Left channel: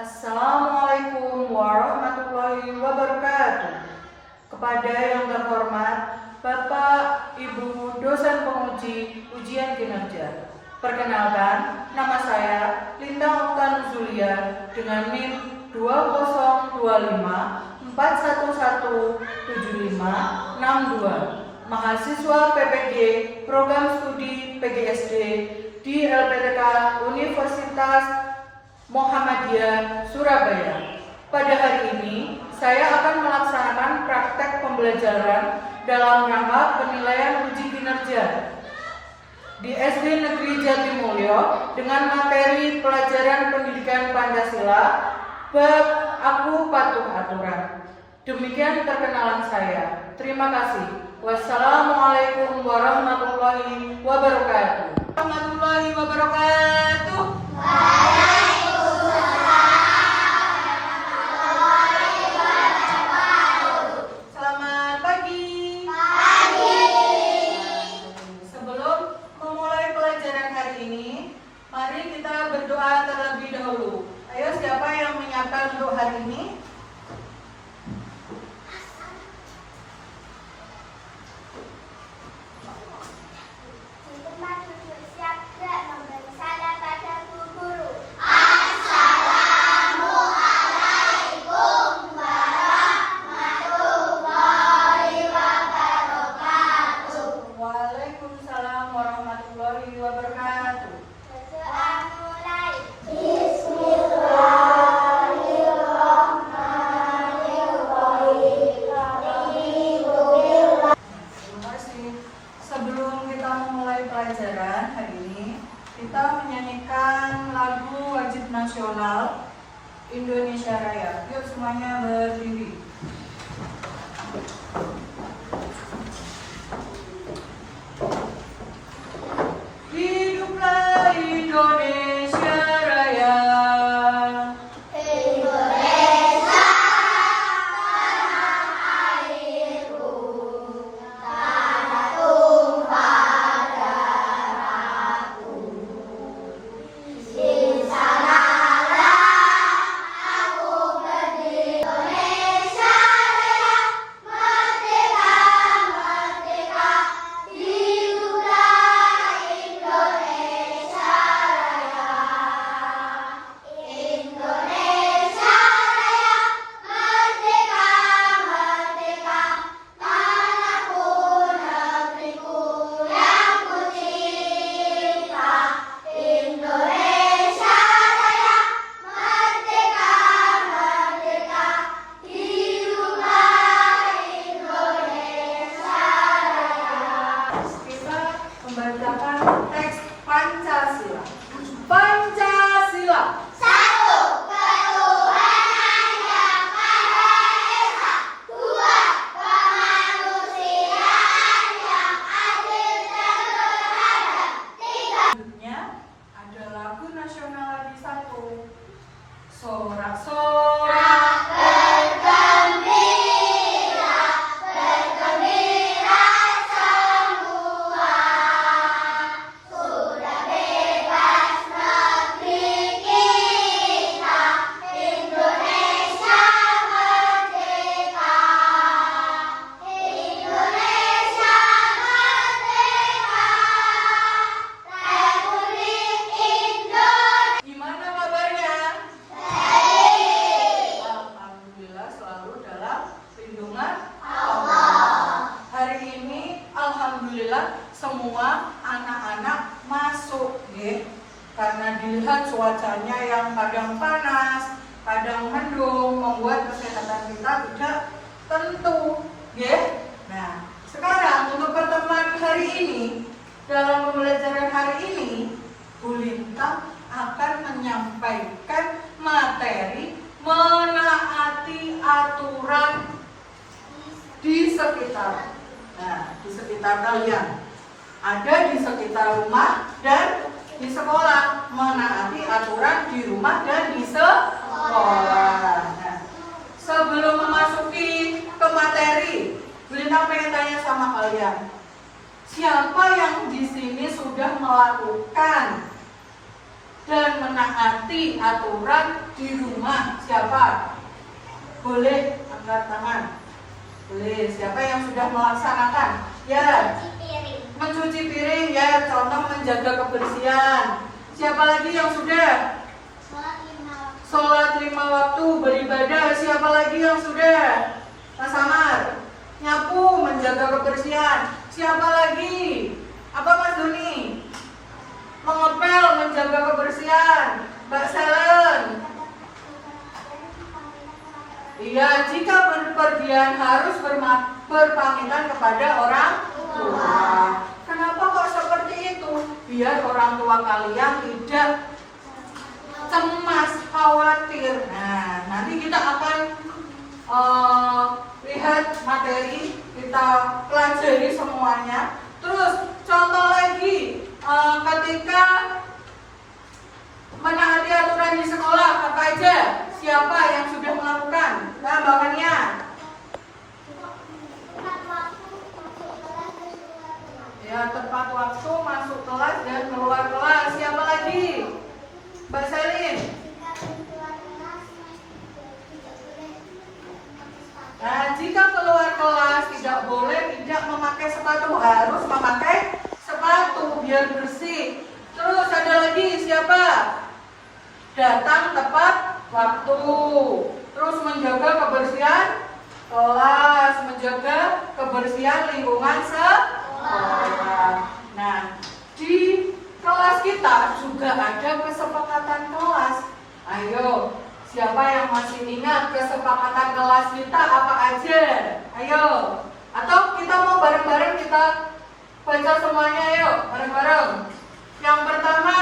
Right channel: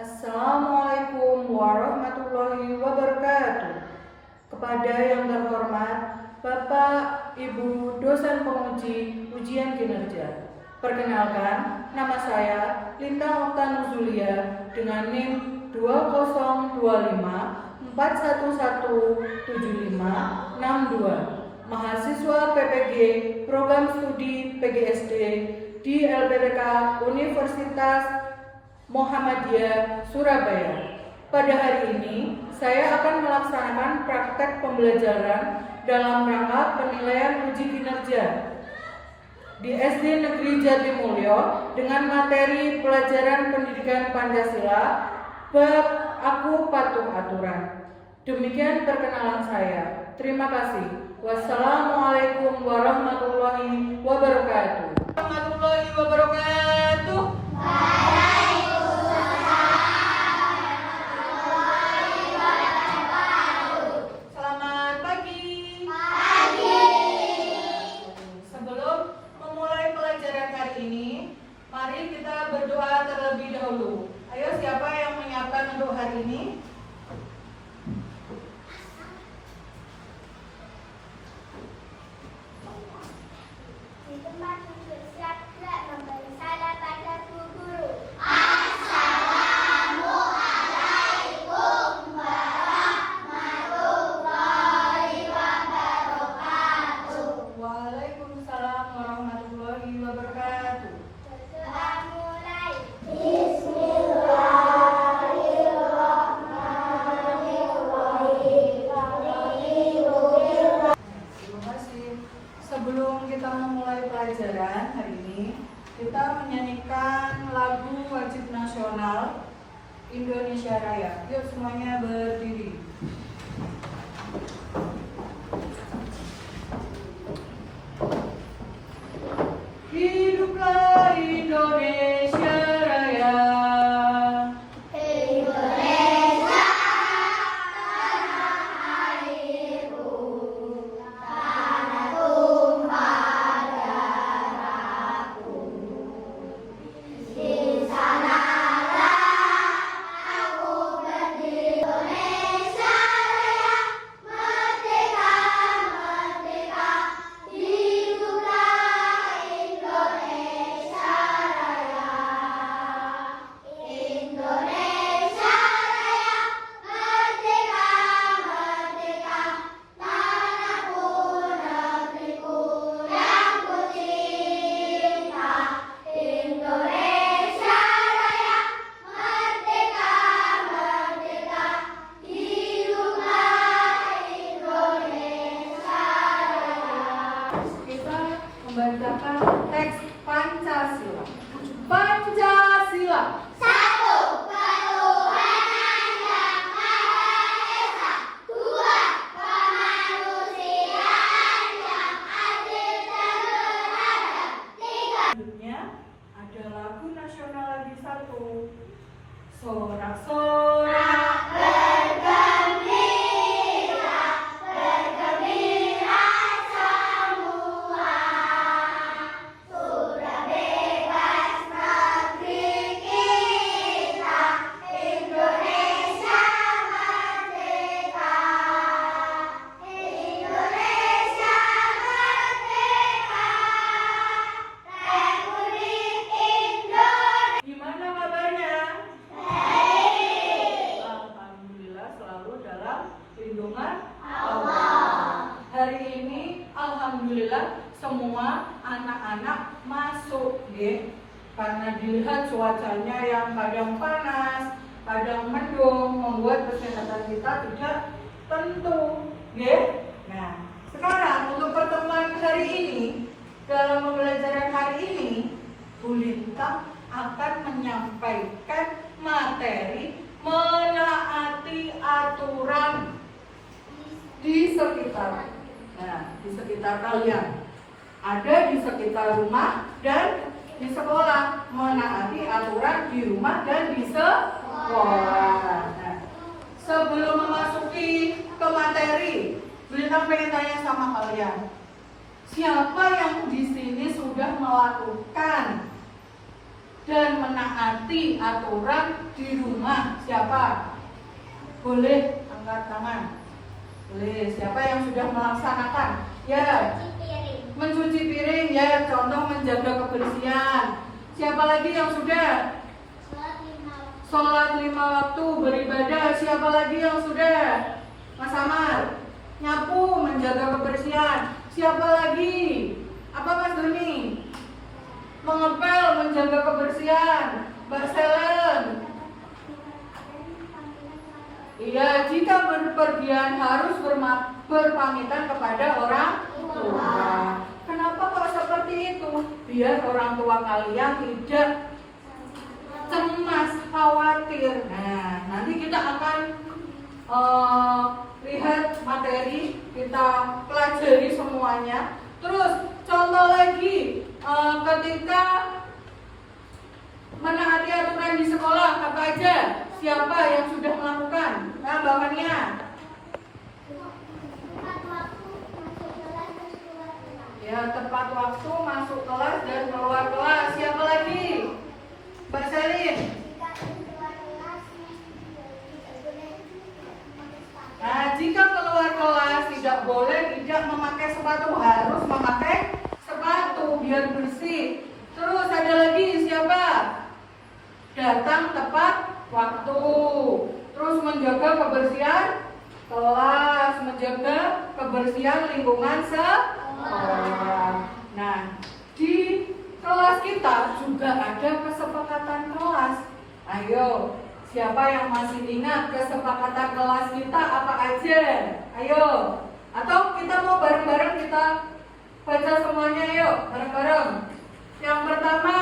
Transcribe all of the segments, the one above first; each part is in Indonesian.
Assalamualaikum warahmatullahi wabarakatuh. Kepada yang terhormat Bapak, Ibu, dosen penguji ujian kinerja. Perkenalkan, nama saya Lintang Oktan Zulia dengan NIM 2025411756 mahasiswa PPG Program Studi PGSD di LPTK Universitas Muhammadiyah Surabaya. Pada hari ini, saya akan melaksanakan praktek pembelajaran dalam rangka penilaian uji kinerja di SD Negeri Jatimulyo dengan materi pelajaran pendidikan Pancasila bab Aku Patuh Aturan. Demikian perkenalan saya. Terima kasih. Wassalamualaikum warahmatullahi wabarakatuh. Warahmatullahi wabarakatuh. Selamat pagi. Sebelum memulai pelajaran hari ini, mari kita berdoa terlebih dahulu. Ayo, siapa yang menyiapkan untuk hari ini? Waalaikumsalam warahmatullahi wabarakatuh. Terima kasih. Sebelum kita memulai pelajaran hari ini, kita menyanyikan lagu wajib nasional Indonesia Raya. Yuk semuanya berdiri. Hiduplah Indonesia Raya. Membacakan teks Pancasila. Pancasila. Satu, ketuhanan yang Maha Esa. Dua, kemanusiaan yang adil dan beradab. Tiga. Selanjutnya ada lagu nasional lagi satu. Sorak-sorak. Bergembira, bergembira semua. Sudah bebas negeri kita, Indonesia merdeka. Indonesia merdeka. Republik Indonesia. Gimana kabarnya? Baik. Alhamdulillah selalu dalam lindungan Allah. Hari ini alhamdulillah semua anak-anak masuk, ya. Karena dilihat cuacanya yang kadang panas, kadang mendung, membuat kesehatan kita tidak tentu, ya. Nah, sekarang untuk pertemuan hari ini, dalam pembelajaran hari ini, Bu Lintang akan menyampaikan materi menaati aturan di sekitar. Nah, di sekitar kalian. Ada di sekitar rumah dan di sekolah. Menaati aturan di rumah dan di sekolah. Nah, sebelum memasuki ke materi, Bu Lintang pengen tanya sama kalian. Siapa yang di sini sudah melakukan dan menaati menaati aturan di rumah. Siapa? Boleh angkat tangan. Boleh. Siapa yang sudah melaksanakan? Ya. Mencuci piring, ya. Contoh menjaga kebersihan. Siapa lagi yang sudah? Sholat 5 waktu, beribadah. Siapa lagi yang sudah? Mas Amar. Nyapu, menjaga kebersihan. Siapa lagi? Apa Mas Doni? Mengepel, menjaga kebersihan. Mbak Selen. Iya, jika berpergian harus berpamitan kepada orang tua. Kenapa kok seperti itu? Biar orang tua kalian tidak cemas, khawatir. Nah, nanti kita akan lihat materi, kita pelajari semuanya. Terus contoh lagi, ketika menaati aturan di sekolah, apa aja? Siapa yang sudah melakukan? Nah, bahannya. Ya, tepat waktu masuk kelas dan keluar kelas. Siapa lagi? Mbak Selin. Nah, jika keluar kelas tidak boleh tidak memakai sepatu, harus memakai sepatu biar bersih. Terus ada lagi siapa? Datang tepat waktu. Terus menjaga kebersihan kelas, menjaga kebersihan lingkungan sekolah. Nah, di kelas kita juga ada kesepakatan kelas. Ayo, siapa yang masih ingat kesepakatan kelas kita apa aja? Ayo. Atau kita mau bareng-bareng kita baca semuanya, ayo bareng-bareng. Yang pertama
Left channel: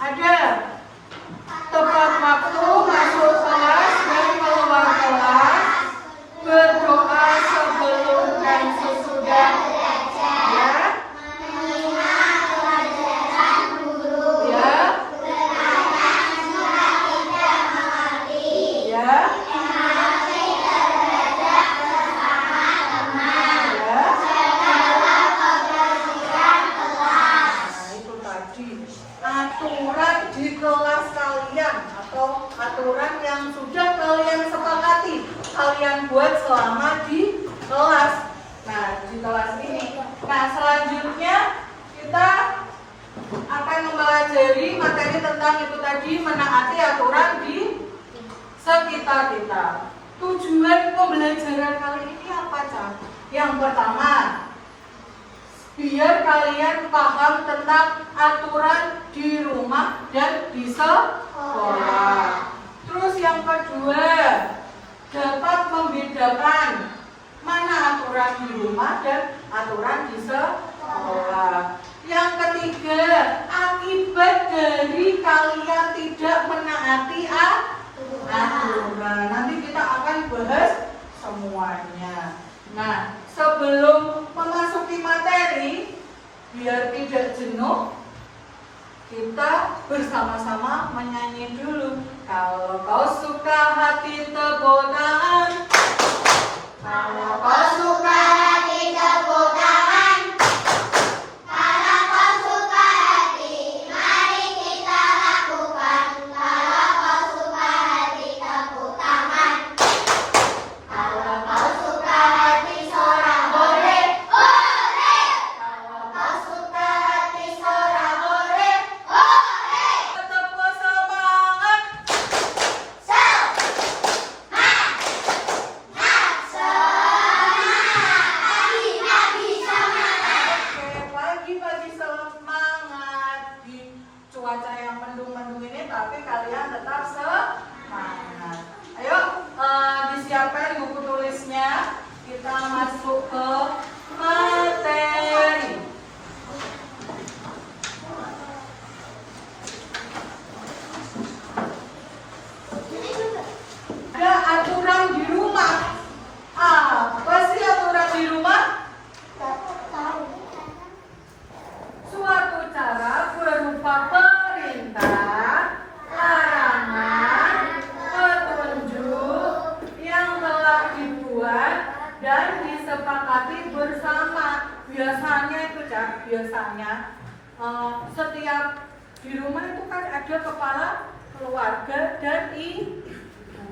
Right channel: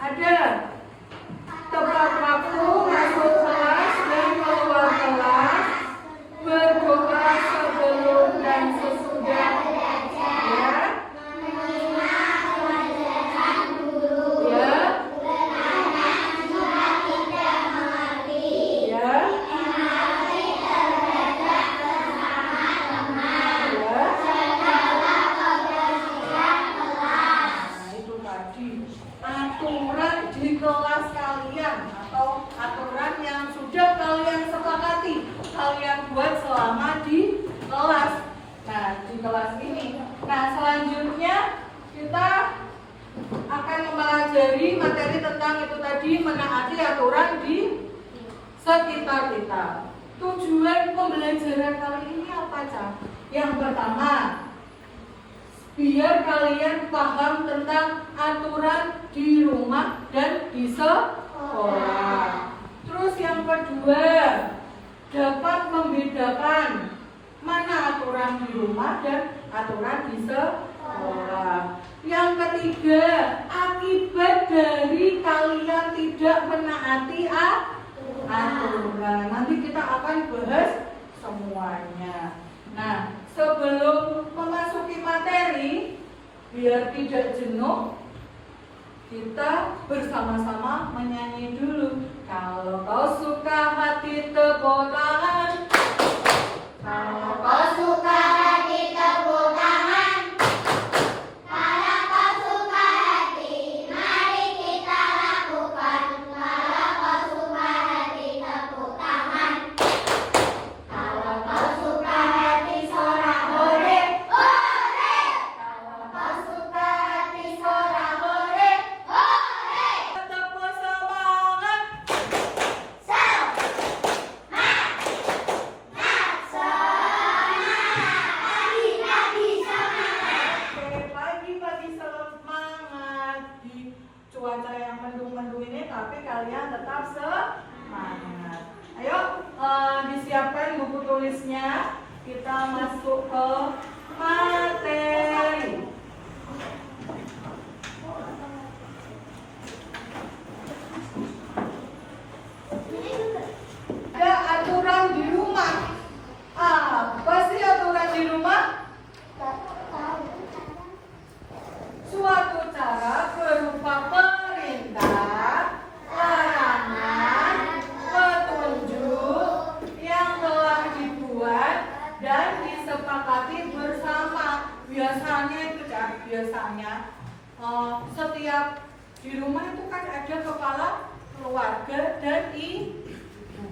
ada tepat waktu masuk kelas dan keluar kelas, berdoa sebelum dan sesudah. Ya. Kelas kalian atau aturan yang sudah kalian sepakati, kalian buat selama di kelas. Nah, di kelas ini. Nah, selanjutnya kita akan mempelajari materi tentang itu tadi, menaati aturan di sekitar kita. Tujuan pembelajaran kali ini apa, Cak? Yang pertama, biar kalian paham tentang aturan di rumah dan di sekolah. Terus yang kedua, dapat membedakan mana aturan di rumah dan aturan di sekolah. Yang ketiga, akibat dari kalian tidak menaati aturan. Nanti kita akan bahas semuanya. Nah, sebelum memasuki materi, biar tidak jenuh, kita bersama-sama menyanyi dulu. Kalau kau suka hati tepuk tangan. Kalau kau suka hati tepuk tangan. Kalau kau suka hati, mari kita lakukan. Kalau kau suka hati, tepuk tangan. Kalau kau suka hati, sorak hore, hore. Kalau kau suka hati, sorak hore, hore. Tepuk semangat. Oke, pagi-pagi semangat di cuaca yang mendung-mendung ini, tapi kalian tetap semangat. Ayo, disiapkan buku tulisnya. Kita masuk ke materi. Ada aturan di rumah. Apa sih aturan di rumah? Suatu cara berupa perintah, larangan, petunjuk yang telah dibuat dan disepakati bersama. Biasanya itu, Cak, biasanya setiap di rumah itu kan ada kepala keluarga dan ibu,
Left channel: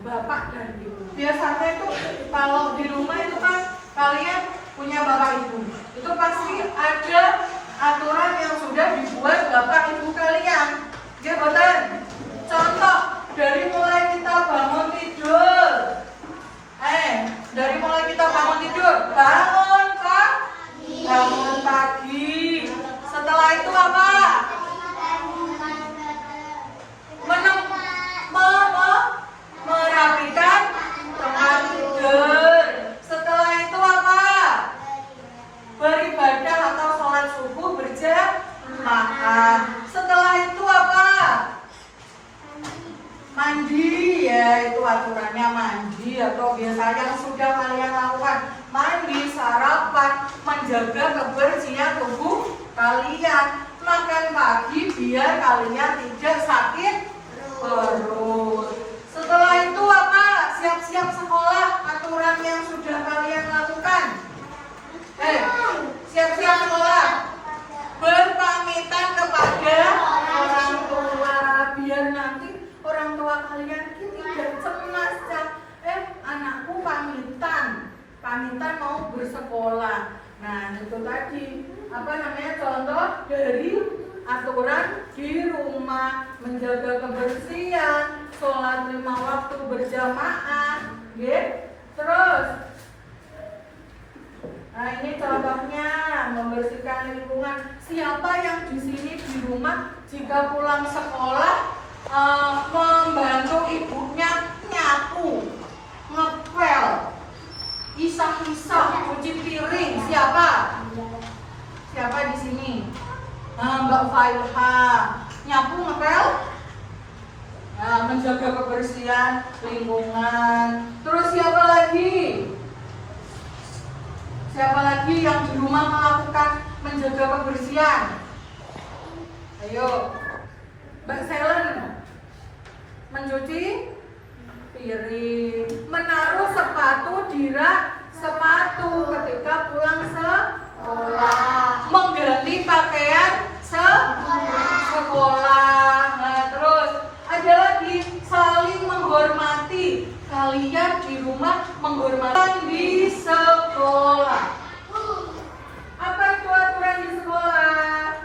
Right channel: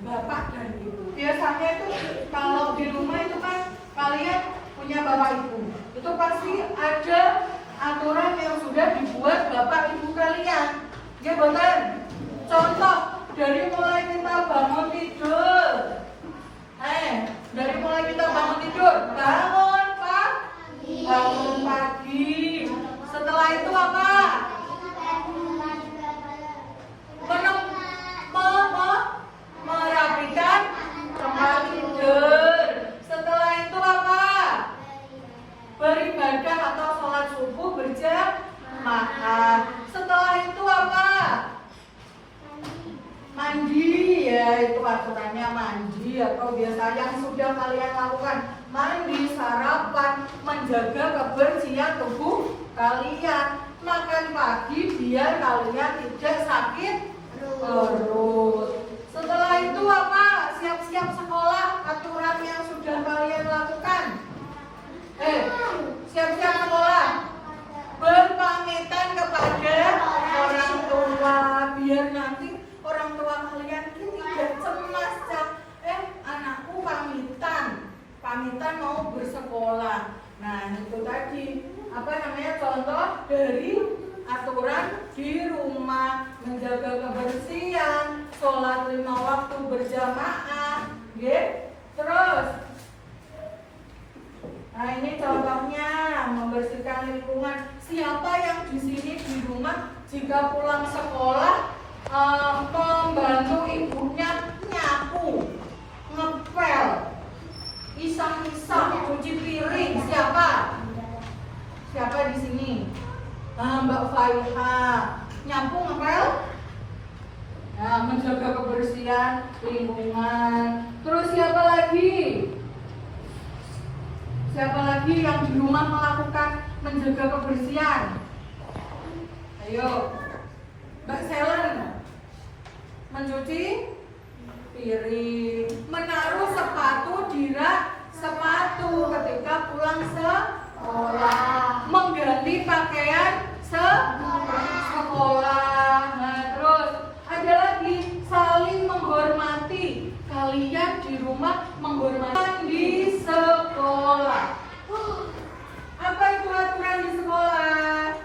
bapak dan ibu. Biasanya itu kalau di rumah itu kan kalian punya bapak ibu, itu pasti ada aturan yang sudah dibuat bapak ibu kalian. Ya benar. Contoh dari mulai kita bangun tidur. Dari mulai kita bangun tidur, bangun pagi. Setelah itu apa? Merapikan tempat tidur. Setelah itu apa? Beribadah atau sholat subuh berjamaah. Setelah itu apa? Mandi, ya itu aturannya mandi, atau biasa yang sudah kalian lakukan mandi, sarapan, menjaga kebersihan tubuh kalian, makan pagi biar kalian tidak sakit perut. Setelah itu apa? Siap-siap sekolah, aturan yang sudah kalian lakukan. Siap-siap sekolah, berpamitan kepada orang tua biar nanti orang tua kalian tidak cemas. Anakku pamitan mau bersekolah. Nah itu tadi contoh dari aturan di rumah, menjaga kebersihan, sholat 5 waktu berjamaah, terus. Nah ini contohnya membersihkan lingkungan. Siapa yang di sini di rumah jika pulang sekolah membantu ibunya nyapu, ngepel, isap-isap, cuci piring? Siapa di sini? Mbak Faiha, nyapu, ngepel, menjaga kebersihan lingkungan. Terus siapa lagi? Siapa lagi yang di rumah melakukan menjaga kebersihan? Ayo, Mbak Selen, mencuci piring, menaruh sepatu di rak sepatu ketika pulang sekolah, mengganti pakaian sekolah. Nah terus ada lagi saling menghormati. Kalian di rumah menghormati di sekolah. Apa itu aturan di sekolah?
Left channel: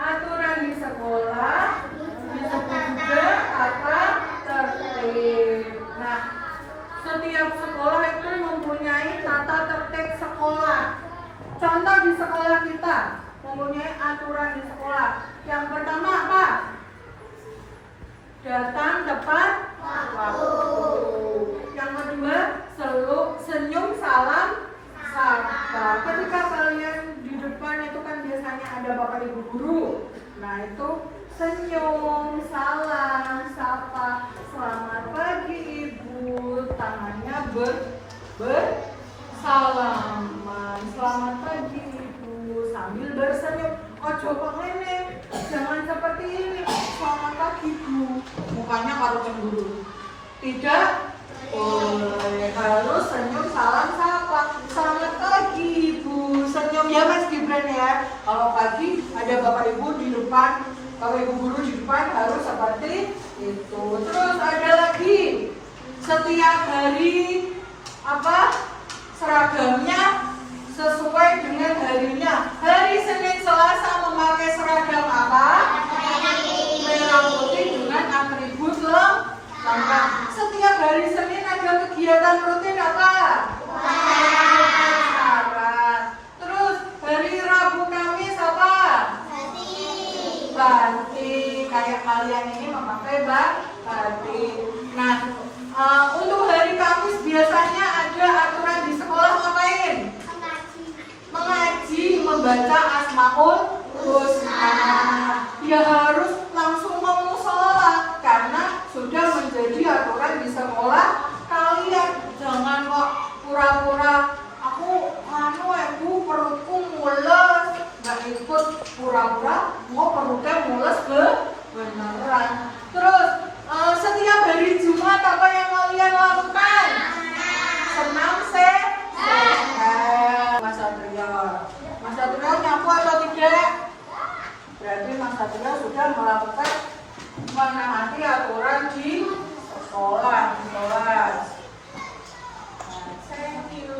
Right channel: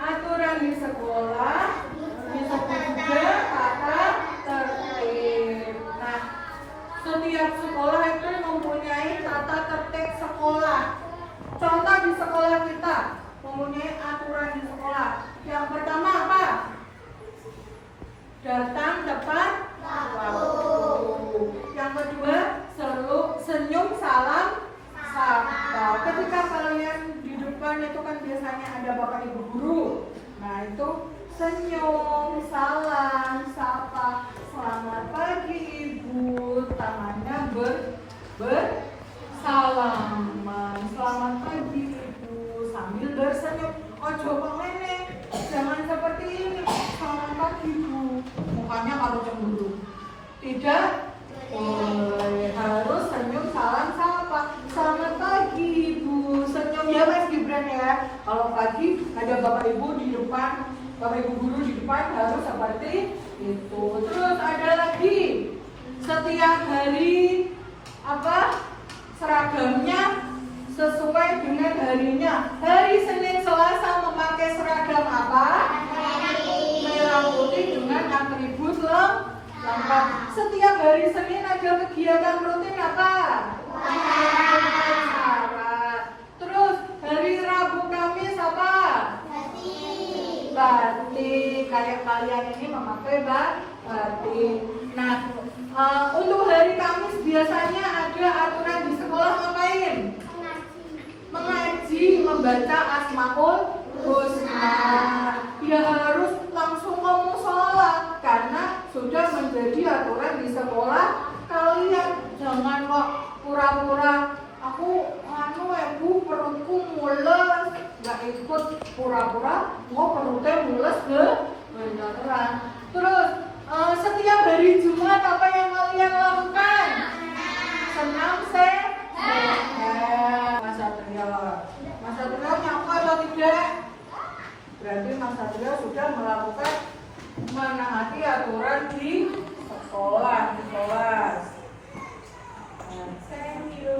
Aturan di sekolah disebut juga tata tertib. Nah, setiap sekolah itu mempunyai tata tertib sekolah. Contoh di sekolah kita mempunyai aturan di sekolah. Yang pertama apa? Datang tepat waktu. Yang kedua, senyum salam sapa. Ketika kalian di depan itu kan biasanya ada bapak ibu guru. Nah itu senyum, salam, sapa. Selamat pagi ibu, tangannya bersalaman. Selamat pagi ibu, sambil bersenyum. Ojo kok ngene, jangan seperti ini. Selamat pagi ibu, mukanya karo cemburu. Tidak boleh, harus senyum, salam, sapa. Selamat pagi ibu, senyum ya Mas Gibran ya. Kalau pagi ada bapak ibu di depan, bapak ibu guru di depan, harus seperti itu. Terus ada lagi, setiap hari seragamnya sesuai dengan harinya. Hari Senin Selasa memakai seragam apa? Merah putih dengan atribut lengkap. Setiap hari Senin ada kegiatan rutin apa? Terus hari Rabu Kamis apa? Batik. Kayak kalian ini memakai batik. Nah, untuk hari Kamis biasanya ada aturan di sekolah ngapain? Mengaji, membaca Asmaul Husna. Ya harus langsung ke mushola karena sudah menjadi aturan di sekolah kalian. Jangan kok pura-pura aku ibu perutku mules, nggak ikut, pura-pura mau perutnya mules beneran. Terus setiap hari Jumat apa yang kalian lakukan? Senam Mas Satrio nyapu atau tidak? Berarti Mas Satrio sudah melakukan menaati aturan di sekolah, di kelas. Nah, thank you.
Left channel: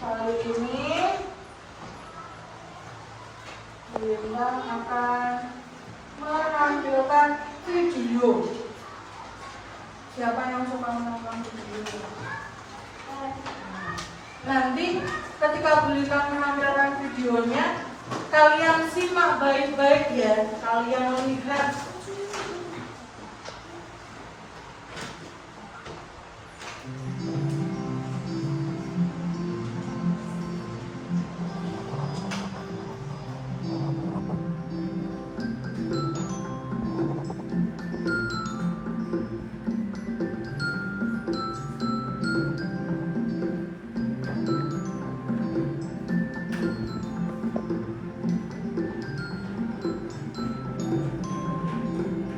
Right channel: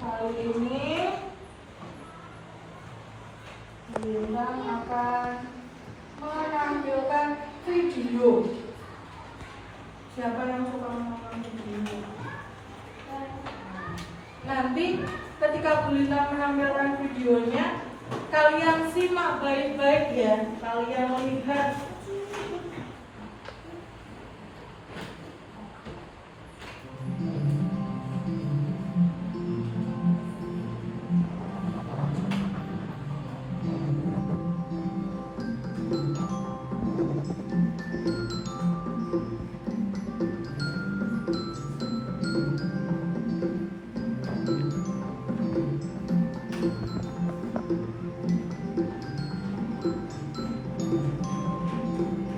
Kali ini Bintang akan menampilkan video. Siapa yang suka menonton video? Nanti ketika Bintang menampilkan videonya, kalian simak baik-baik ya. Kalian lihat.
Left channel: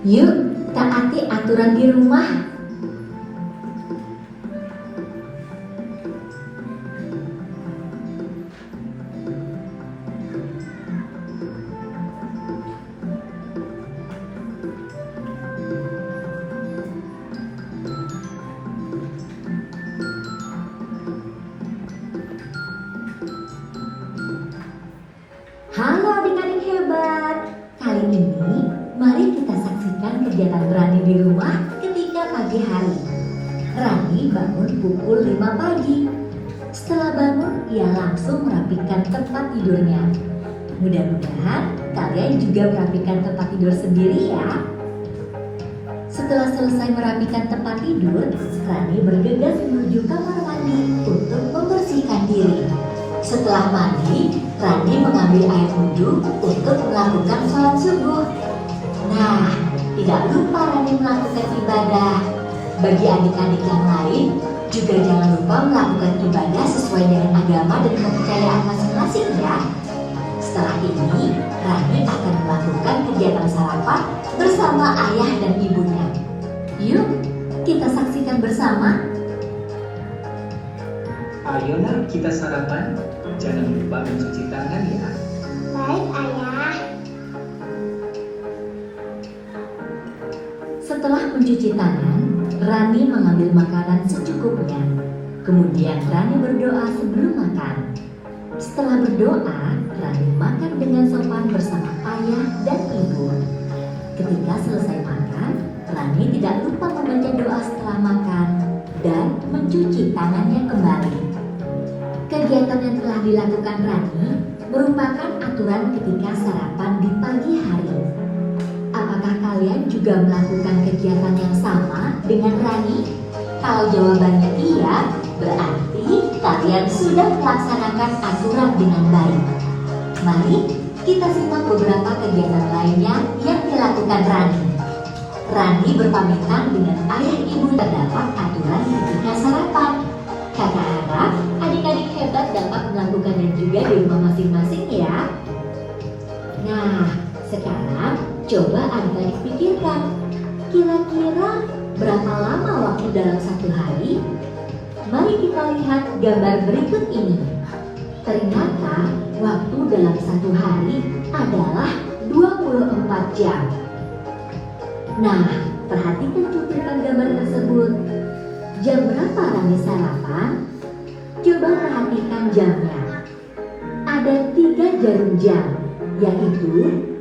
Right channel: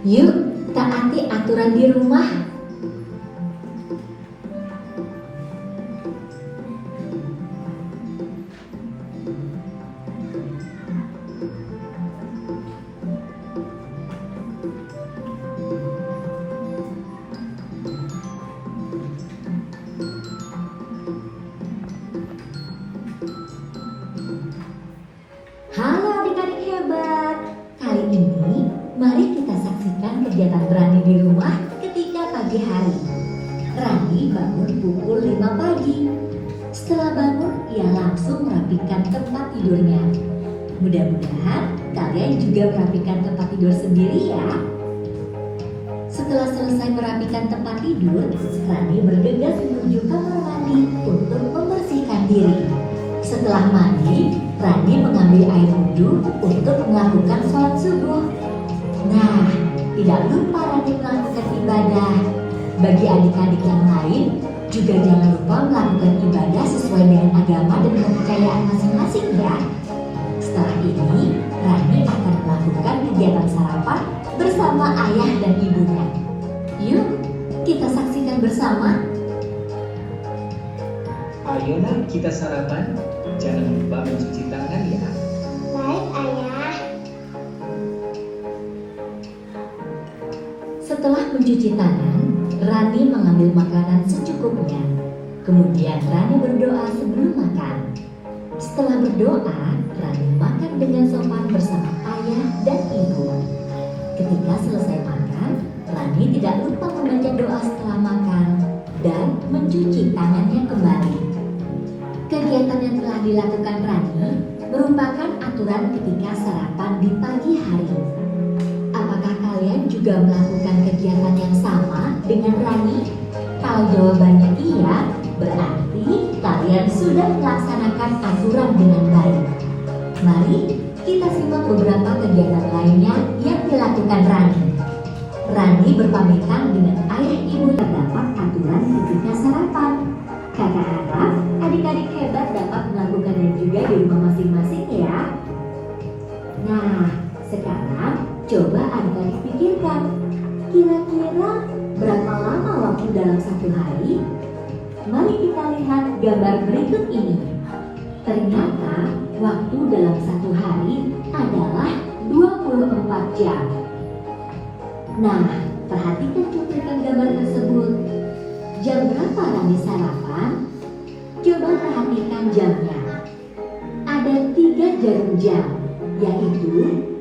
Yuk, taati aturan di rumah. Halo adik-adik hebat. Kali ini mari kita saksikan kegiatan Rani di rumah ketika pagi hari. Rani bangun pukul 5 pagi. Setelah bangun, ia langsung merapikan tempat tidurnya. Mudah-mudahan kalian juga merapikan tempat tidur sendiri ya. Setelah selesai merapikan tempat tidur, Rani bergegas menuju kamar mandi untuk membersihkan diri. Setelah mandi, Rani mengambil air wudhu untuk melakukan sholat subuh. Nah, tidak lupa Rani melakukan ibadah. Bagi adik-adik yang lain, juga jangan lupa melakukan ibadah sesuai dengan agama dan kepercayaan masing-masing ya. Setelah ini, Rani akan melakukan kegiatan sarapan bersama ayah dan ibunya. Yuk, kita saksikan bersama. Ayolah kita sarapan. Jangan lupa mencuci tangan ya. Baik, Ayah. Setelah mencuci tangan, Rani mengambil makanan secukupnya. Kemudian Rani berdoa sebelum makan. Setelah berdoa, Rani makan dengan sopan bersama ayah dan ibu. Ketika selesai makan, Rani tidak lupa membaca doa setelah makan dan mencuci tangannya kembali. Kegiatan yang telah dilakukan Rani merupakan aturan ketika sarapan di pagi hari. Apakah kalian juga melakukan kegiatan yang sama dengan Rani? Kalau jawabannya iya, berarti kalian sudah melaksanakan aturan dengan baik. Mari kita simak beberapa kegiatan lainnya yang dilakukan Rani. Rani berpamitan dengan ayah ibu. Terdapat aturan ketika sarapan. Kakak harap adik-adik hebat dapat melakukannya juga di rumah masing-masing ya. Nah, sekarang coba adik-adik pikirkan, kira-kira berapa lama waktu dalam satu hari? Mari kita lihat gambar berikut ini. Ternyata waktu dalam satu hari adalah 24 jam. Nah, perhatikan cuplikan gambar tersebut. Jam berapa Rani sarapan? Coba perhatikan jamnya. Ada 3 jarum jam, yaitu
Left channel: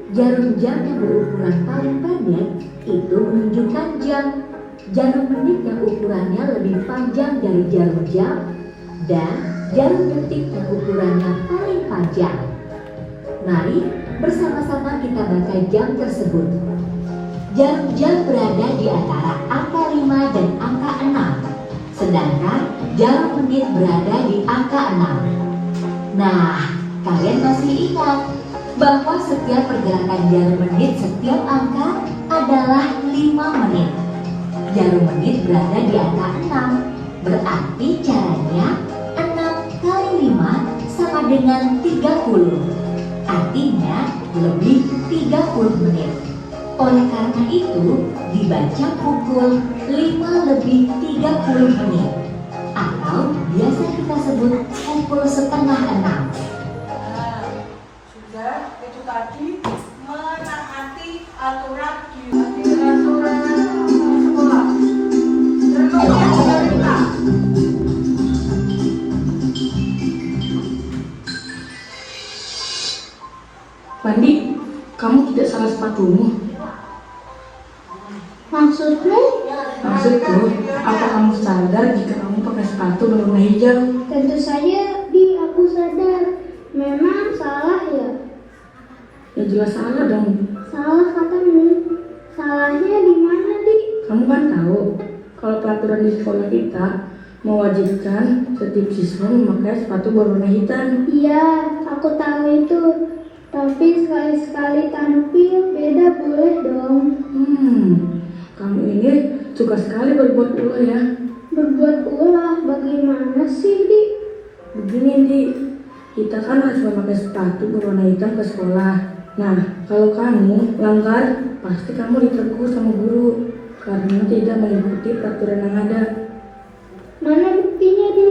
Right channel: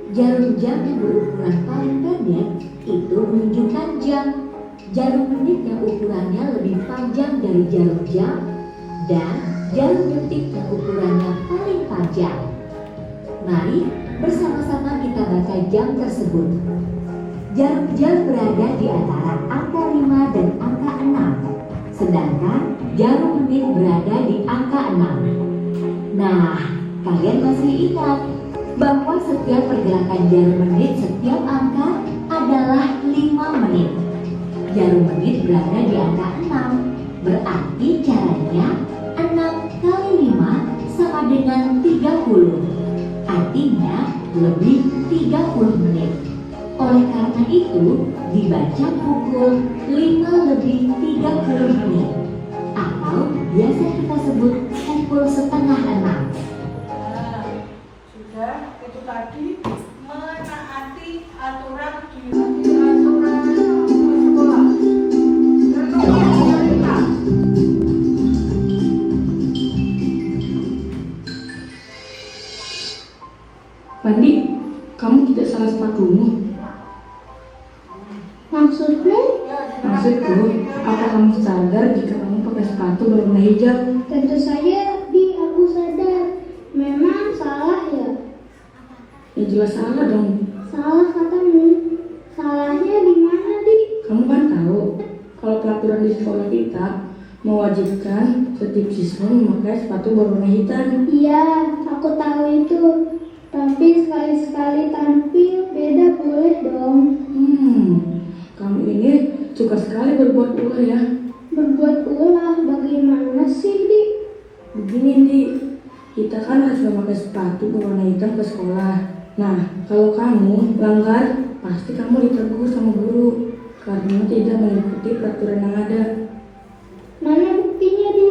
jarum jam yang berukuran paling pendek itu menunjukkan jam, jarum menit yang ukurannya lebih panjang dari jarum jam, dan jarum detik yang ukurannya paling panjang. Mari bersama-sama kita baca jam tersebut. Jarum jam berada di antara angka 5 dan angka 6, sedangkan jarum menit berada di angka 6. Nah, kalian masih ingat bahwa setiap pergerakan jarum menit setiap angka adalah 5 menit. Jarum menit berada di angka 6, berarti caranya 6 kali 5 sama dengan 30. Artinya lebih 30 menit. Oleh karena itu, dibaca pukul 5 lebih 30 menit. Atau biasa kita sebut pukul setengah 6. Nah, sudah itu tadi menaati aturan di aturan sekolah. Contohnya kita. Mandi, kamu tidak salah sepatumu. Maksudmu? Maksudku, apa kamu sadar jika kamu pakai sepatu berwarna hijau? Tentu saja, Di, aku sadar. Memang salah ya? Ya jelas salah dong. Salah katamu. Salahnya di mana, Di? Kamu kan tahu, kalau peraturan di sekolah kita mewajibkan setiap siswa memakai sepatu berwarna hitam. Iya, aku tahu itu. Tapi sekali-sekali tampil beda boleh dong. Kamu ini suka sekali berbuat ulah ya. Berbuat ulah bagaimana sih, Di? Begini, Di, kita kan harus memakai sepatu berwarna hitam ke sekolah. Nah, kalau kamu langgar, pasti kamu ditegur sama guru karena tidak mengikuti peraturan yang ada. Mana buktinya, Di?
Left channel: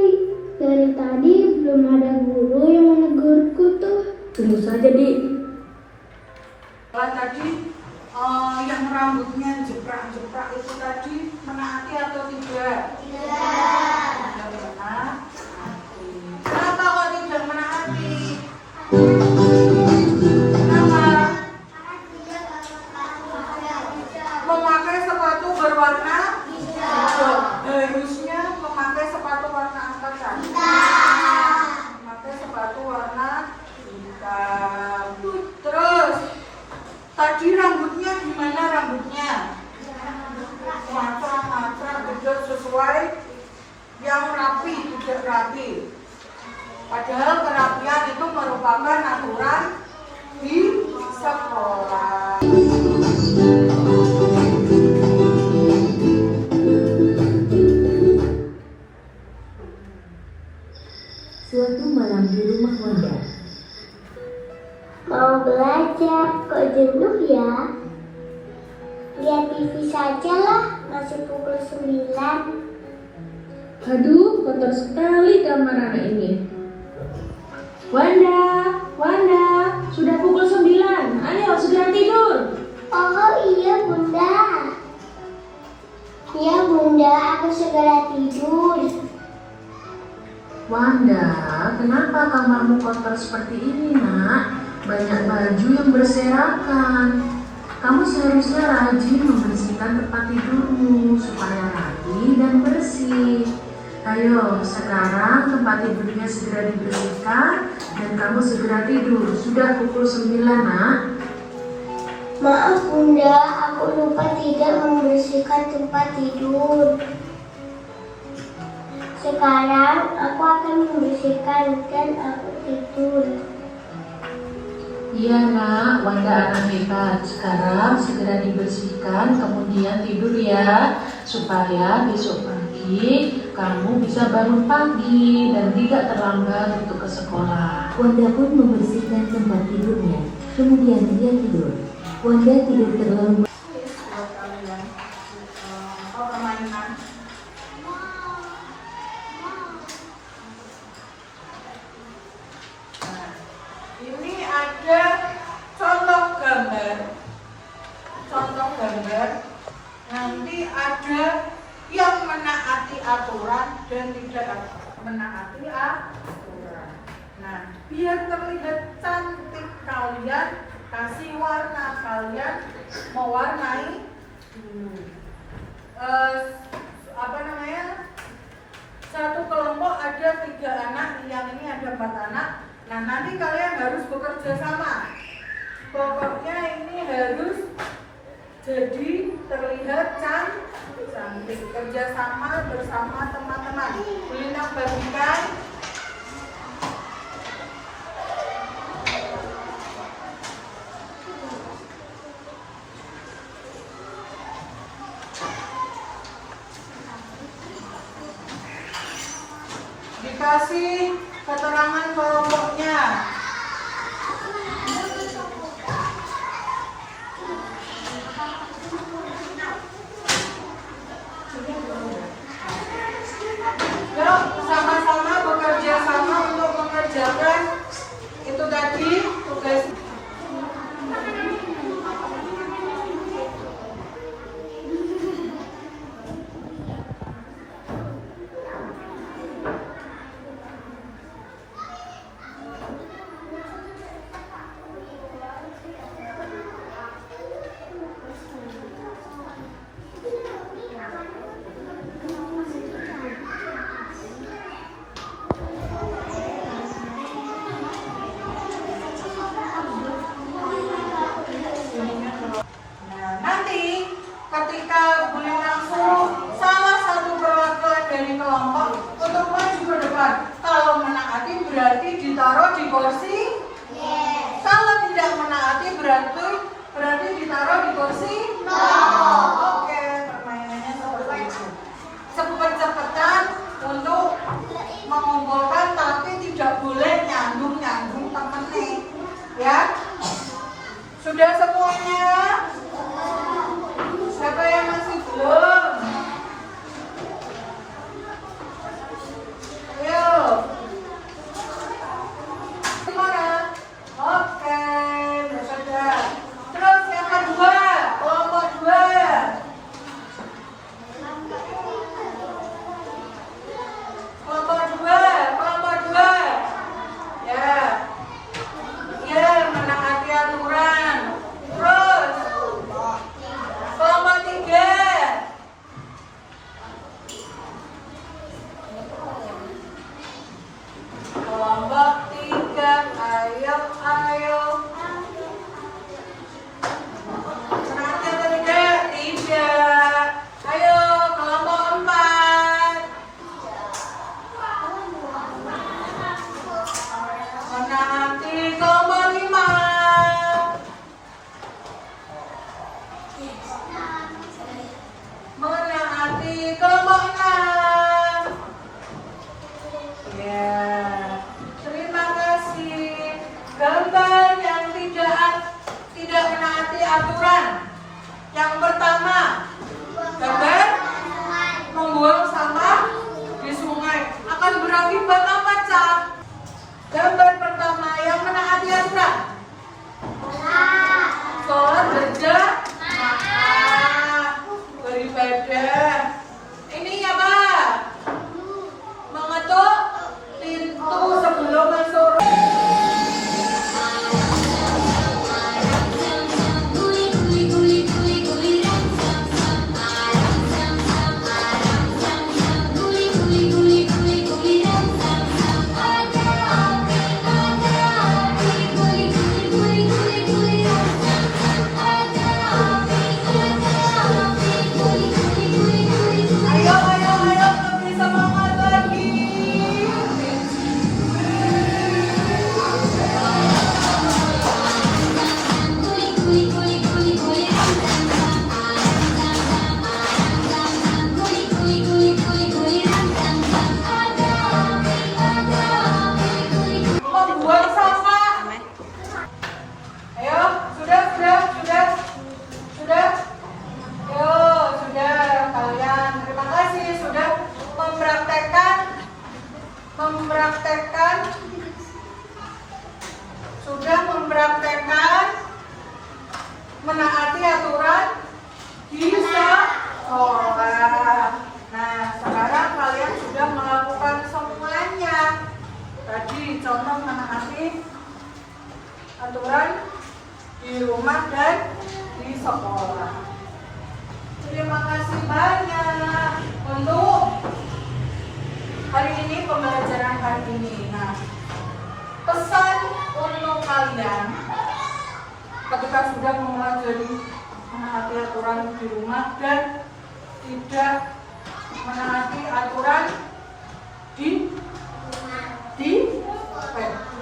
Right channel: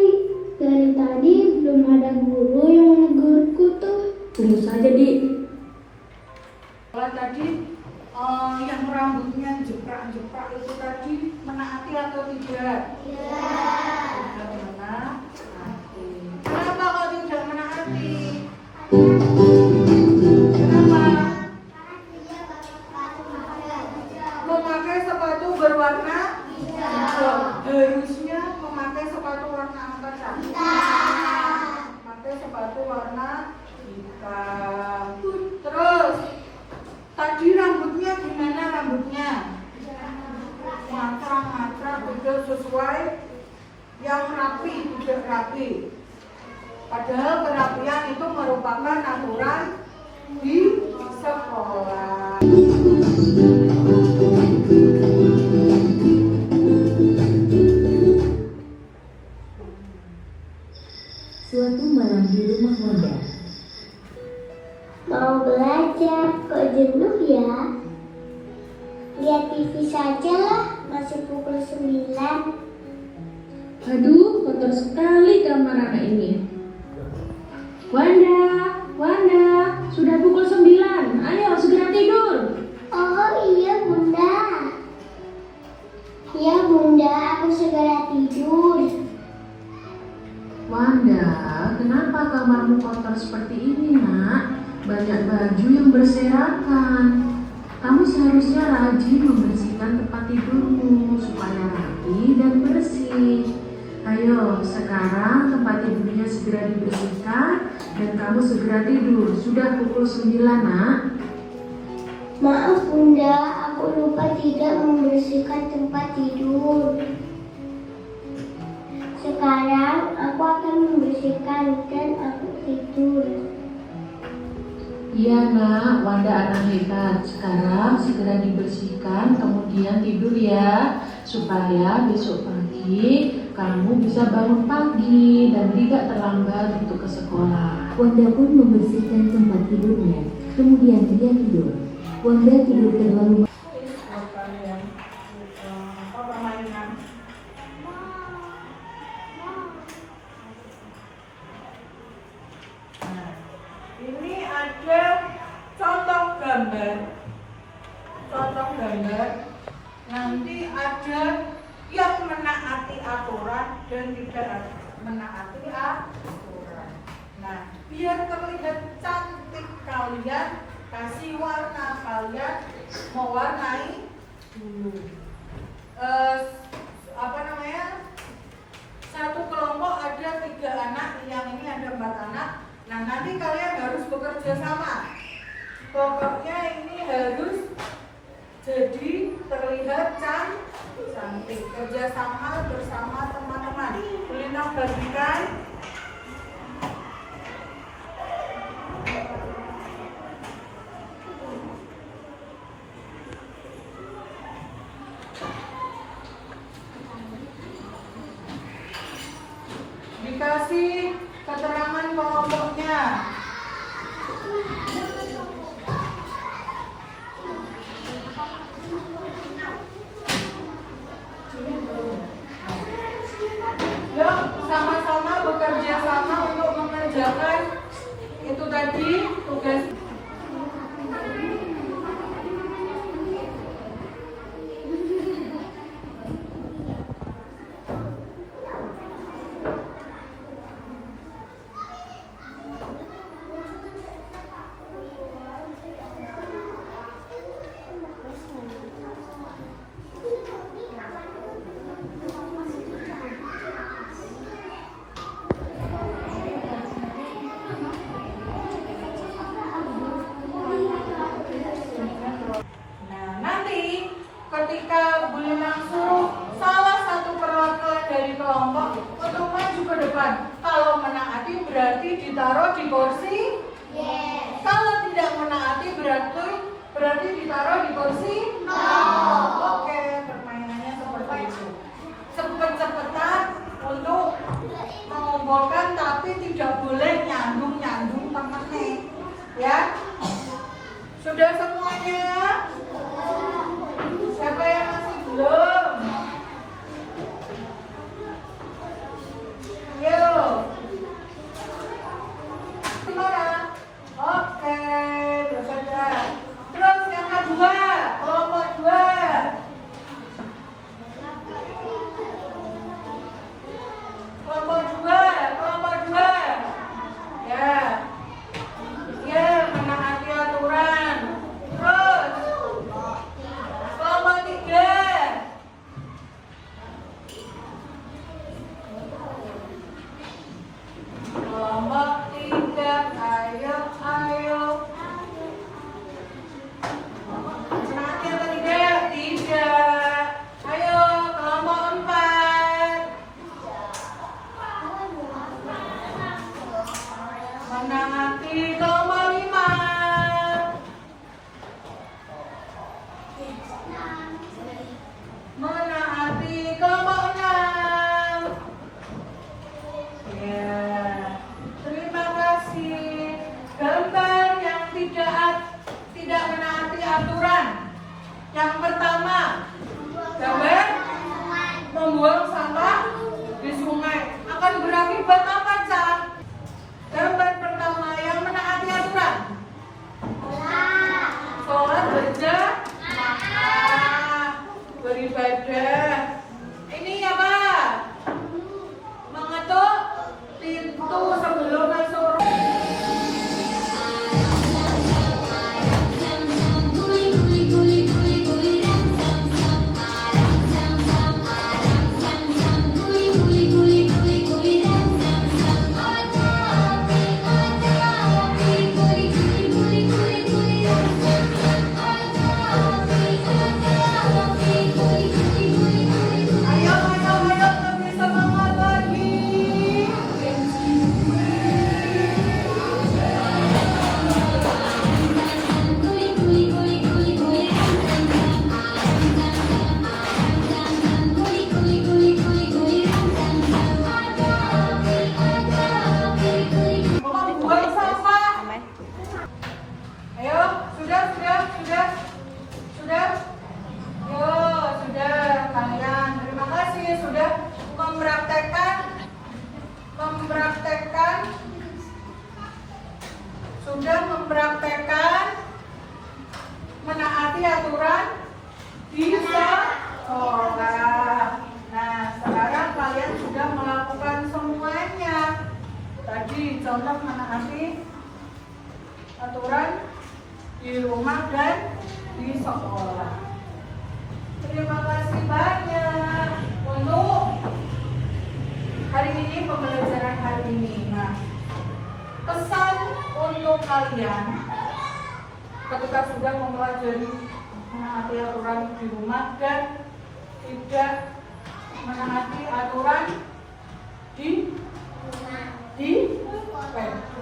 Dari tadi belum ada guru yang menegurku tuh. Tunggu saja, Di. Kalau tadi yang rambutnya jeprak-jeprak itu tadi menaati atau tidak? Menaati. Kenapa kok tidak menaati? Kenapa? Memakai sepatu berwarna hijau. Harusnya memakai sepatu warna apa kan? Memakai sepatu warna hitam. Terus tadi rambutnya gimana rambutnya? Matrak-matrak betul sesuai yang rapi, tidak rapi. Padahal kerapian itu merupakan aturan di sekolah. Suatu malam di rumah Wanda. Mau belajar, kok jenuh ya? Lihat TV saja lah, masih pukul 9. Aduh, kotor sekali kamar anak ini. Wanda, sudah pukul 9. Ayo segera tidur. Oh iya Bunda. Ya Bunda, aku segera tidur. Wanda, kenapa kamarmu kotor seperti ini, Nak? Banyak baju yang berserakan. Kamu seharusnya rajin membersihkan tempat tidurmu supaya rapi dan bersih. Ayo, sekarang tempat tidurnya segera dibersihkan dan kamu segera tidur. Sudah pukul 9, Nak. Maaf Bunda, aku lupa tidak membersihkan tempat tidur. Sekarang aku akan membersihkan dan aku tidur. Iya, Nak. Wanda anak hebat. Sekarang segera dibersihkan, kemudian tidur ya. Supaya besok pagi kamu bisa bangun pagi dan tidak terlambat untuk ke sekolah. Wanda pun membersihkan tempat tidurnya. Kemudian dia tidur. Wanda tidur terlalu Permainan. Nah, ini ada contoh gambar. Nanti ada yang menaati aturan dan tidak menaati aturan. Nah, biar terlihat cantik kalian kasih warna, kalian mewarnai dulu. Satu kelompok ada 3 anak, yang ini ada 4 anak. Nah, nanti kalian harus bekerja sama. Pokoknya ini harus jadi terlihat cantik. Kerjasama bersama teman-teman. Kuliner bagikan. Dikasih keterangan kelompoknya. Yuk, sama-sama bekerja sama untuk mengerjakan itu tadi tugas. berarti ditaruh di kursi? No. Oke, permainannya seperti itu. Cepet-cepetan untuk mengumpulkan tapi tidak boleh nyambung temennya. Ya? Sudah semuanya? Siapa yang masih belum? Ayo. Gimana? Oke, bersaja. Terus yang kedua, kelompok 2. Kelompok 2. Ya. Ya, menaati aturan. Terus kelompok 3. Kelompok 3, ayo. Menaati atau tidak? Tidak. Ayo, kelompok 4. Menaati. Kelompok 5. Menaati. Kelompok 6. Ya, terima kasih. Gambar yang tidak menaati aturan. Yang pertama, gambar membuang sampah di sungai akan berakibat apa, Cak? Gambar pertama yang menaati aturan. Sholat berjamaah, beribadah. Ini apa? Mengetuk pintu sebelum masuk. Ayo, lebih semangat lagi. Membuang sampah. Ayo, sudah. Yo, sudah kalian. Terima kasih sudah mempraktekkan menaati aturan di sekolah. Nah, sekarang kalian sudah melakukan semuanya. Tadi contoh menaati aturan di rumah dan di sekolah. Terima kasih banyak untuk hari ini, pembelajaran hari ini. Nah, pesan untuk kalian ketika sudah mempelajari menaati aturan di rumah dan tidak menaati aturan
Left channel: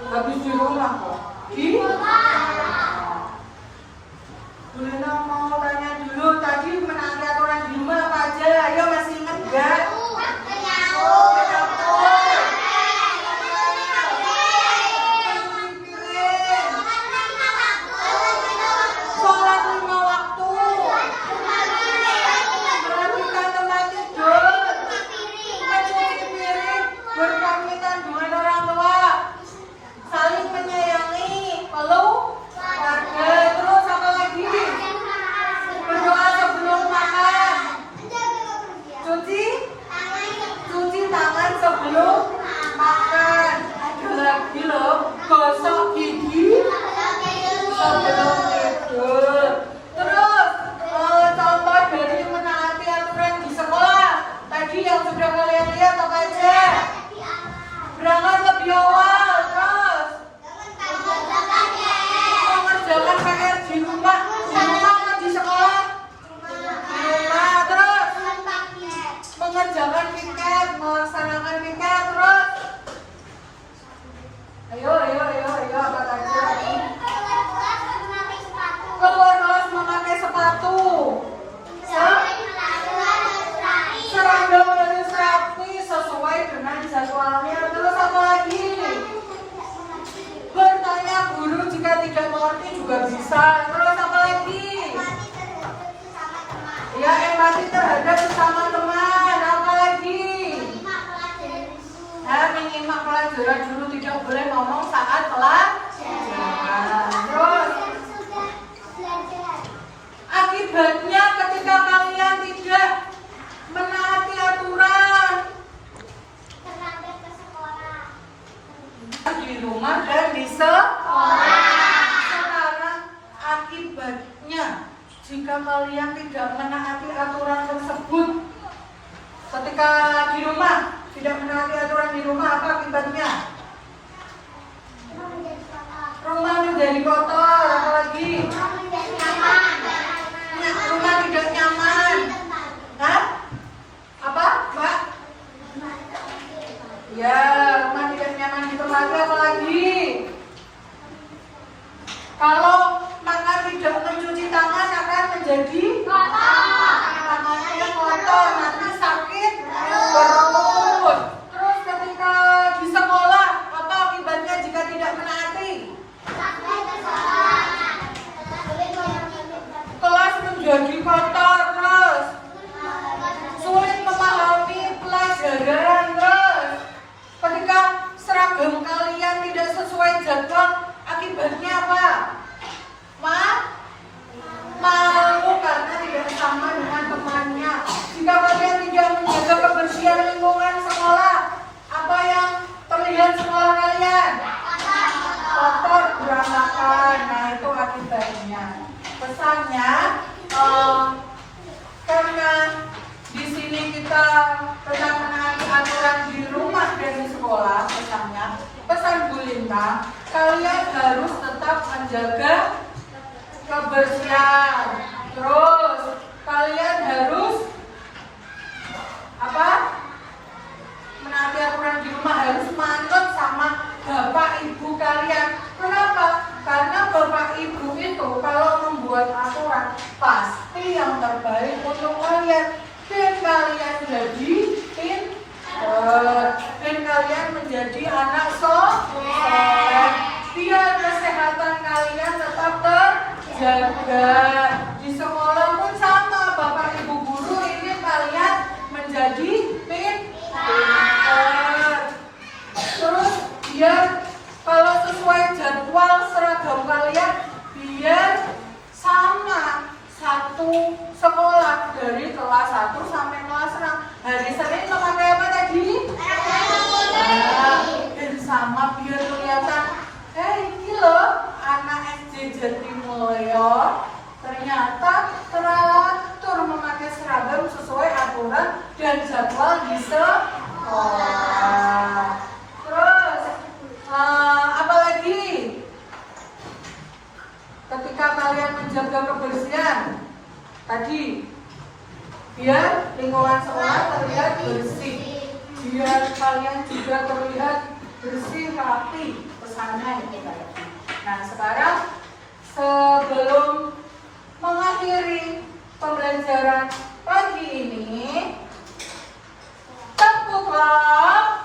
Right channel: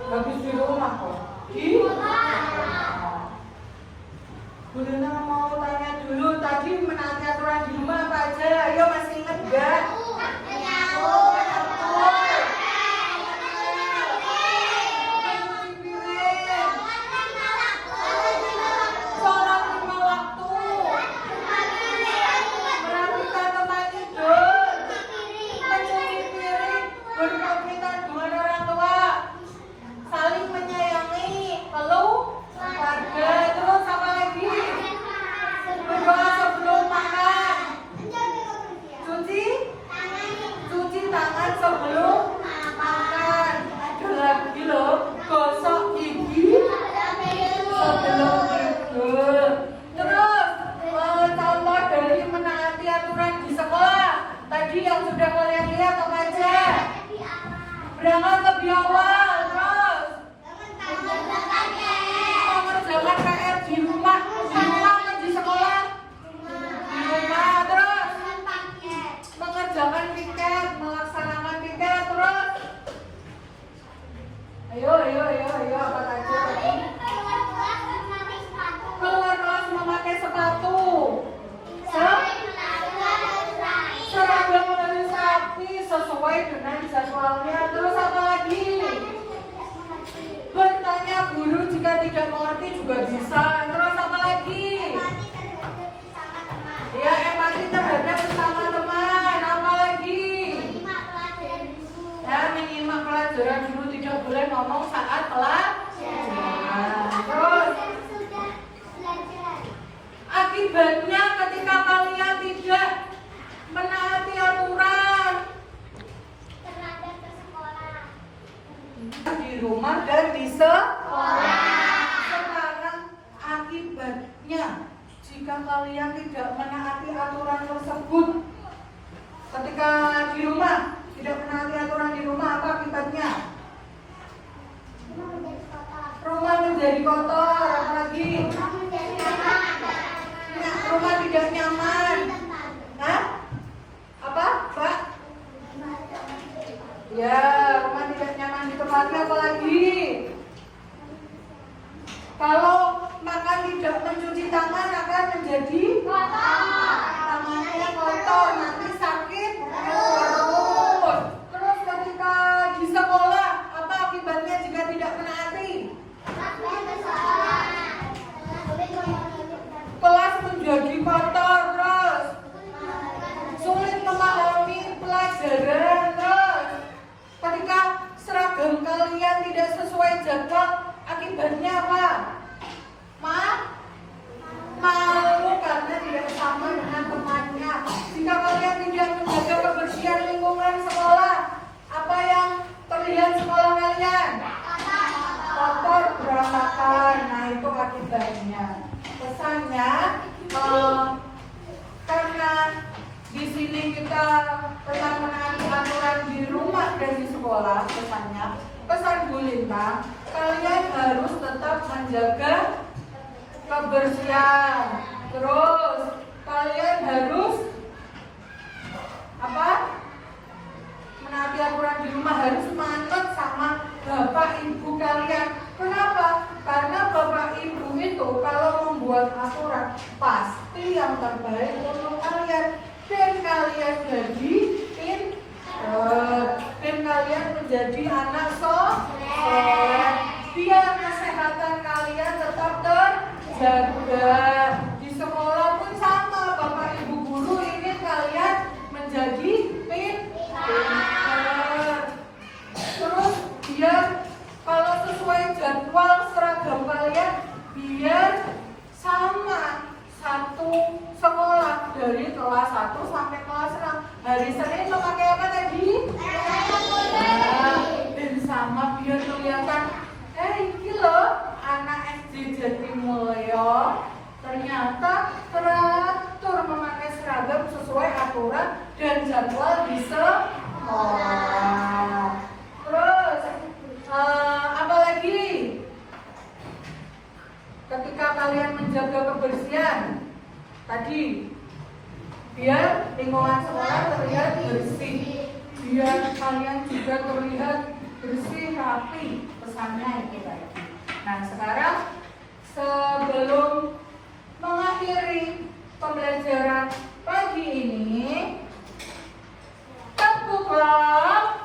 habis di rumah kok Dulina mau tanya dulu, tadi menaati aturan di rumah apa aja? Ayo, masih ingat gak? Sholat 5 waktu, merapikan tempat tidur, mencuci piring, berpamitan dengan orang tua, saling menyayangi, peluk keluar kelas memakai sepatu. Seragam harus rapi sesuai dengan jadwalnya. Terus apa lagi? Bertanya guru jika tidak mengerti juga bisa. Terus apa lagi? Ya, empati terhadap sesama teman. Apa lagi? Nah, menyimak pelajaran dulu, tidak boleh ngomong saat pelajaran. Terus akibatnya ketika kalian tidak menaati aturan di rumah dan di sekolah. Sekarang akibatnya jika kalian tidak menaati aturan tersebut ketika di rumah, tidak menaati aturan di rumah, apa akibatnya? Rumah menjadi kotor. Apalagi? Rumah tidak nyaman. Hah? Apa, Pak? Ya, rumah tidak nyaman di tempatnya. Apalagi? Kalau makan tidak mencuci tangan akan menjadi tangannya kotor, nanti sakit perut. Terus ketika di sekolah, apa akibatnya jika tidak menaati? Kelas menjadi kotor, terus sulit memahami pelajaran, terus ketika seragam kalian tidak sesuai jadwal, akibatnya apa? Malu karena tidak sama dengan temannya. Jika kalian tidak menjaga kebersihan lingkungan sekolah, apa yang terlihat sekolah kalian? Kotor, berantakan. Nah, itu akibatnya. Pesannya, karena di sini kita tentang menaati aturan di rumah dan di sekolah, pesan Bu Linta, kalian harus tetap menjaga kebersihan. Terus kalian harus apa? Menaati aturan di rumah, harus manut sama bapak ibu kalian. Kenapa? Karena bapak ibu itu kalau membuat aturan pasti yang terbaik untuk kalian, dan kalian jadi pintar, dan kalian menjadi anak soleh. Biar kesehatan kalian tetap terjaga. Di sekolah pun sama, bapak ibu guru ingin kalian menjadi pintar. Terus biar kalau sesuai jadwal seragam kalian biar sama satu sekolah dari kelas 1 sampai kelas 6. Hari Senin memakai apa tadi? Dan sama biar kelihatan, ini loh anak SD Jatimulyo ternyata teratur memakai seragam sesuai aturan dan jadwal di sekolah. Terus apa lagi? Ketika kalian menjaga kebersihan tadi, biar lingkungan sekolah terlihat bersih, biar kalian juga terlihat bersih, rapi. Pesannya itu tadi. Nah, sekarang sebelum mengakhiri pembelajaran pagi ini, tepuklah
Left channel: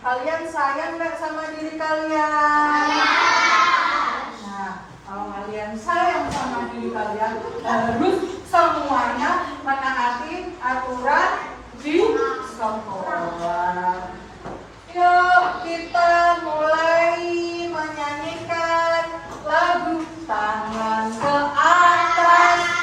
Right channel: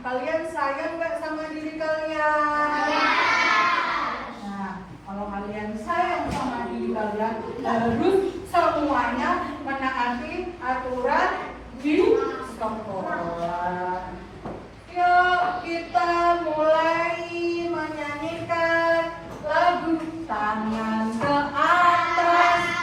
kalian sayang nggak sama diri kalian? Nah, kalau kalian sayang sama diri kalian, harus semuanya menaati aturan di sekolah. Yuk kita mulai menyanyikan lagu Tangan ke Atas.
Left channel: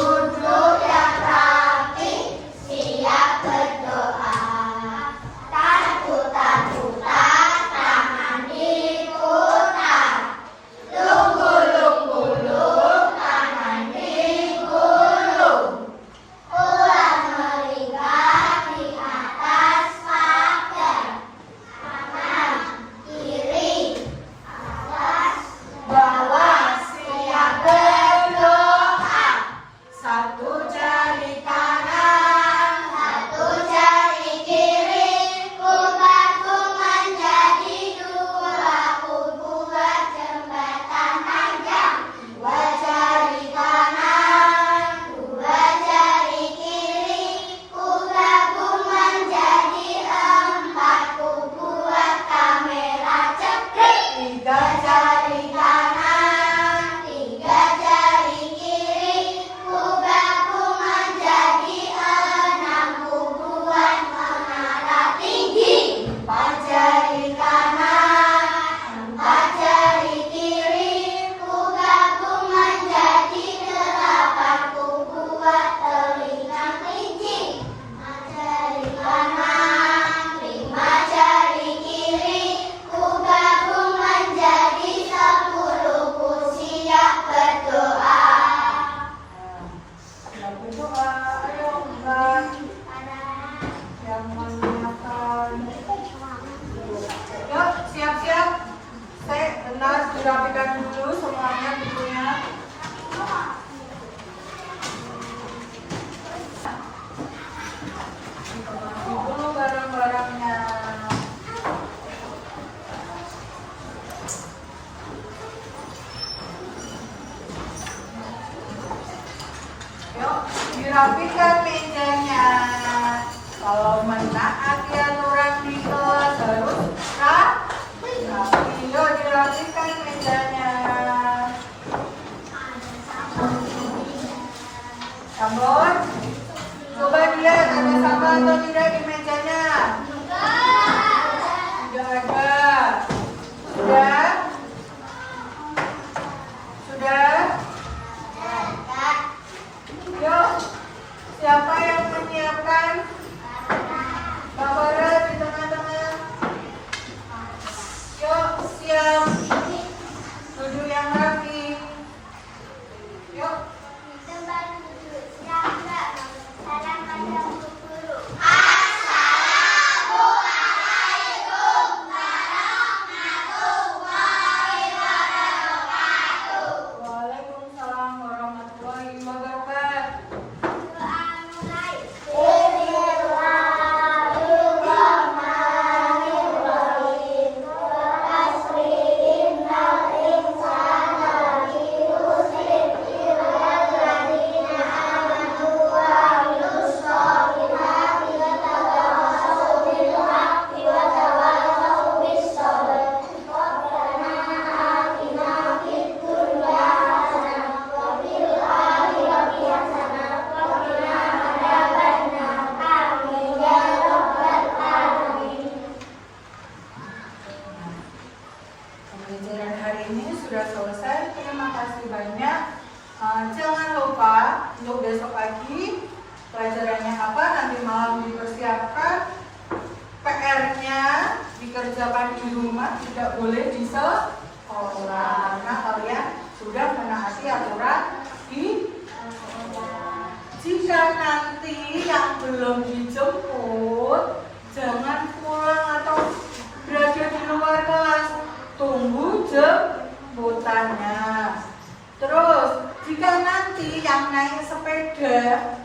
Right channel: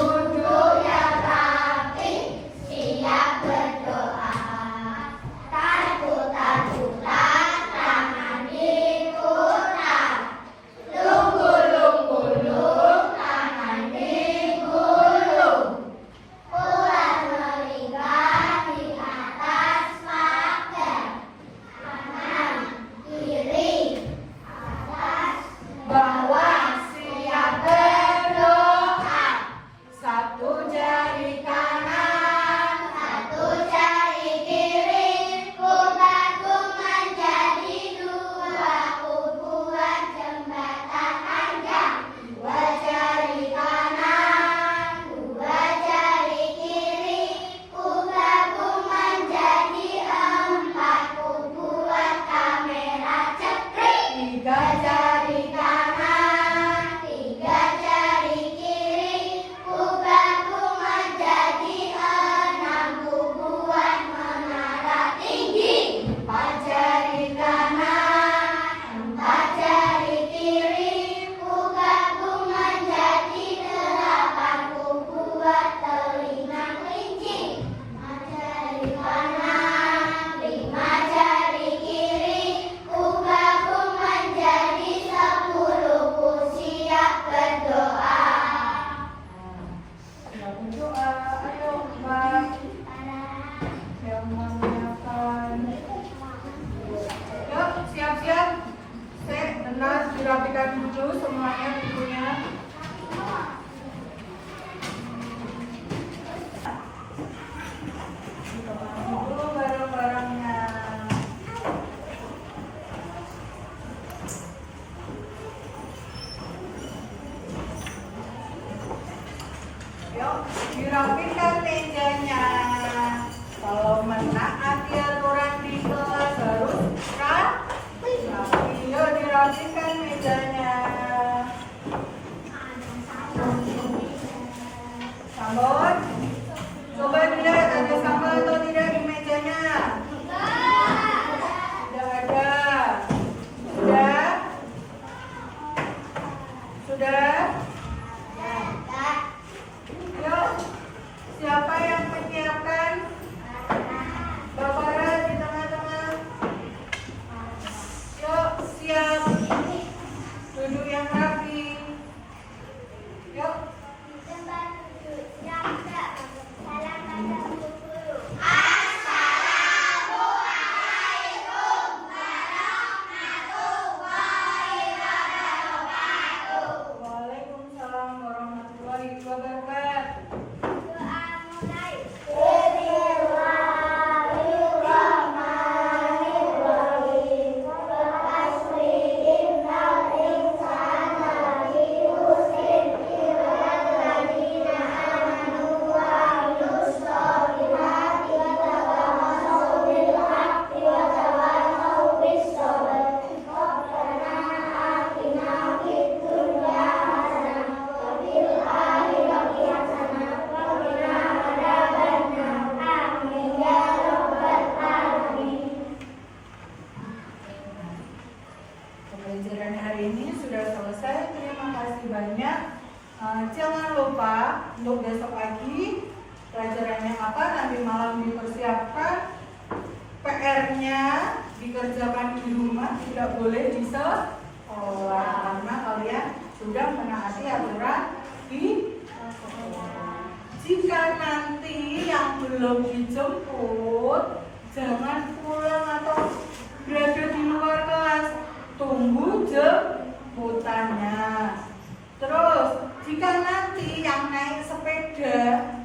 Duduk yang berdoa. Ayo Mbak yang menyiapkan. Yuk siap-siap. Benar dirapikan dulu semuanya bukunya. Dipotong dulu barang-barangnya. Yuk, dirapikan mejanya. Kalau menaati aturan di kelas harus rapi. Yuk, dirapikan mejanya. Sambon, coba lihat ada sampah atau tidak di mejanya. Tidak ada. Sudah? Sudah? Yuk, siapa yang menyiapkan? Barbara di tengah-tengah. Yuk, siap. Duduk yang rapi. Yuk. Waalaikumsalam warahmatullahi wabarakatuh. Pembelajaran hari ini sudah selesai. Terima kasih banyak. Jangan lupa untuk besok pagi pelajarannya apa, nanti malam dipersiapkan. PR-nya dikerjakan di rumah, tidak boleh di sekolah karena kalian sudah menaati aturan di sekolah. Jika nanti yang belum dijemput, jangan pulang atau berada di luar kelas, tunggu jemputannya. Terus jika nanti yang naik sepeda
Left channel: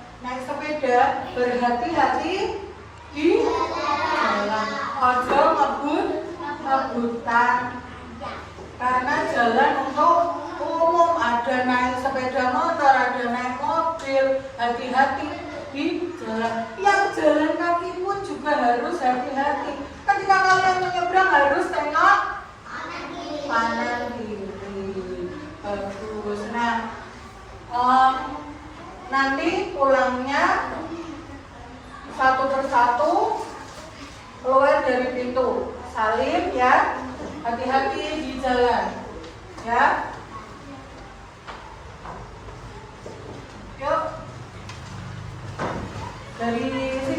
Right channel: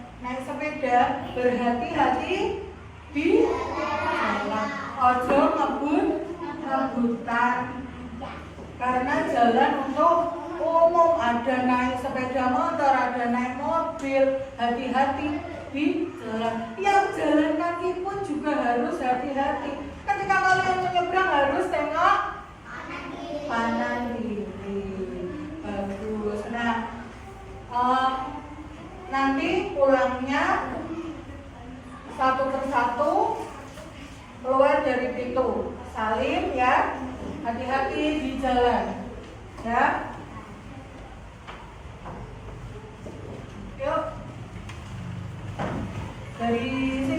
berhati-hati di jalan. Ojo ngebut-ngebutan karena jalan untuk umum, ada naik sepeda motor, ada naik mobil, hati-hati di jalan. Yang jalan kaki pun juga harus hati-hati. Ketika kalian menyeberang harus tengok kanan kiri. Bagus. Nah, nanti pulangnya satu persatu keluar dari pintu. Salim ya. Hati-hati di jalan. Ya. Yuk. Dari sini